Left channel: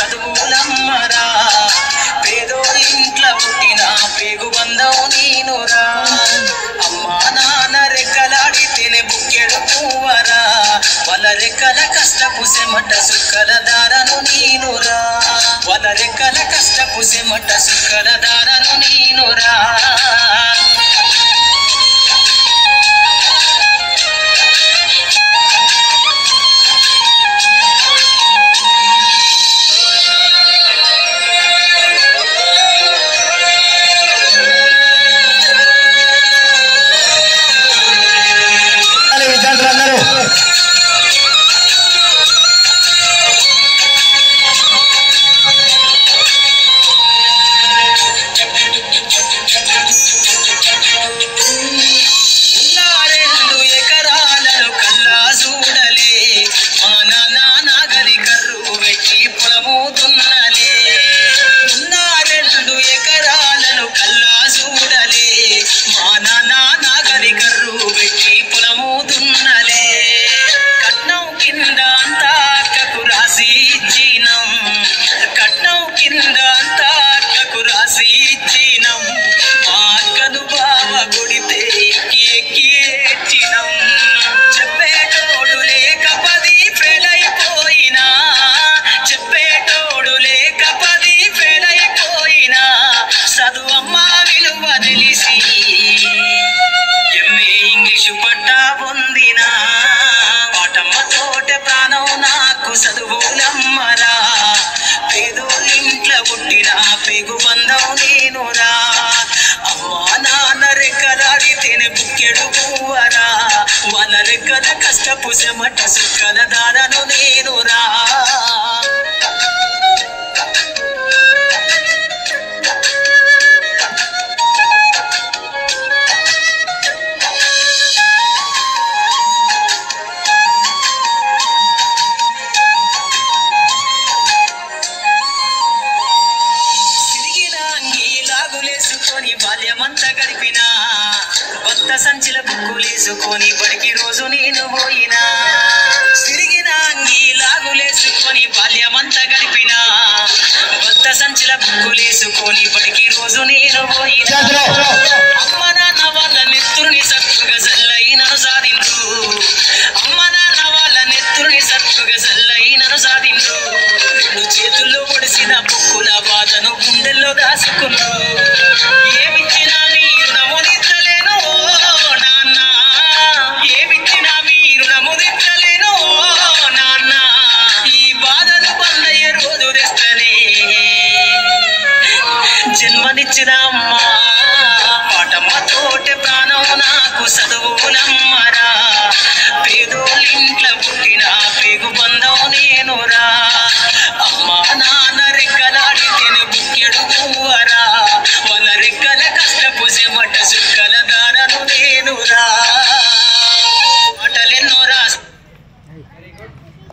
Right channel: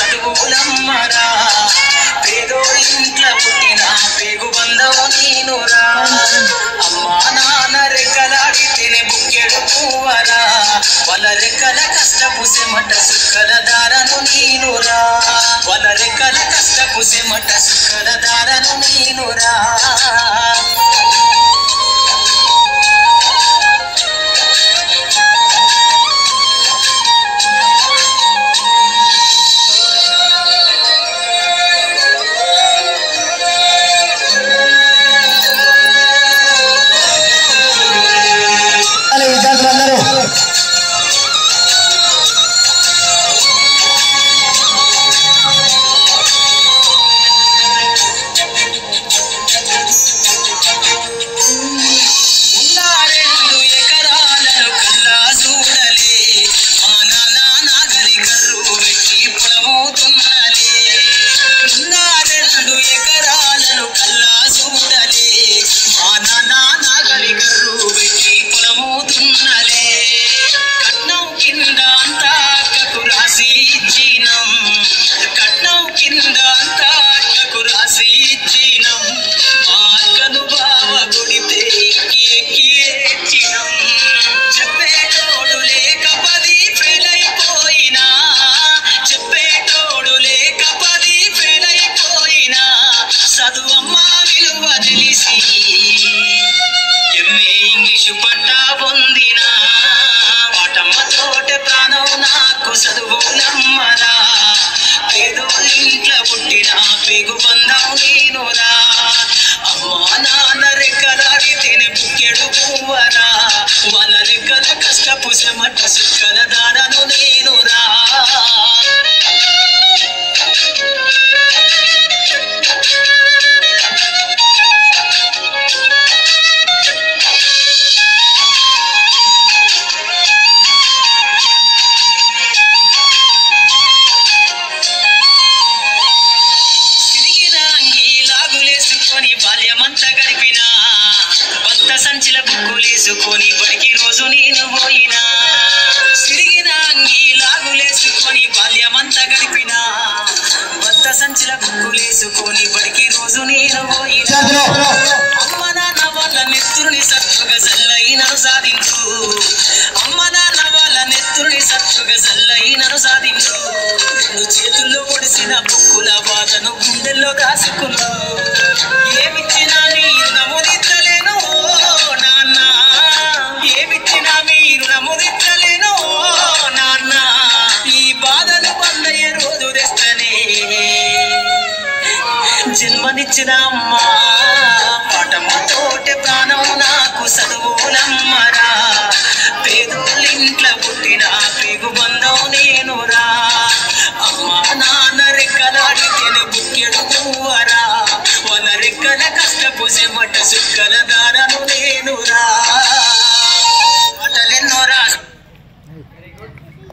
చదువులమ్మరా పేదోడి ఇంట్లో పుట్టిన పేగు బంధవు నీనురా అమ్మా నాన్న రెక్కలాడితేనే బుక్కెడు పువ్వరా వాళ్ళ రెక్కల కష్టపు సెమట సుక్కల దారను నీనురా వాళ్ళ రెక్కల కష్టపు సెమట సుక్కల దారను నీనురా చదువమ్మా విలువ తెలిసి ఎంఏ ఇంగ్లీషు పట్టా పొందిన వాటమ్మ తోటే ప్రాణం నాకు చదువులమ్మరా పేదోళ్ళింట్లో పుట్టిన పేగు బంధం నేనురా అమ్మా నాన్న రెక్కలాడితేనే బుక్కెడు పువ్వరా వాళ్ళ రెక్కల కష్టపు చెమట సుక్కల దారను నేనురా బాల్యమంతా గడిపినా భక్త సంచిల బుక్కులేసుకొని బడికి రోజు నేను పోయినా సిరిగిన అంగి లాగులేసుకొని బాల్యమంతా గడిపినా భక్త సంచిల బుక్కులేసుకొని బడికి రోజు నేను పోయినా అమ్మ నాన్న వాళ్ళ నెత్తురుని సత్తుగా జల్లైనను సాధించు అమ్మ నాన్న వాళ్ళ నెత్తురుని సత్తుగా జల్లైనను సాధించు నువ్వు చేతుల్లో పొడిసిన బుక్కుల బాధను గుండెల్లో దాసుకున్నావు జన్మనిచ్చిన అమ్మా పాటమ్మ తోటే ప్రాణం నాకు చదువులమ్మరా పేదోళ్ళింట్లో పుట్టిన పేగు బంధం నేనురా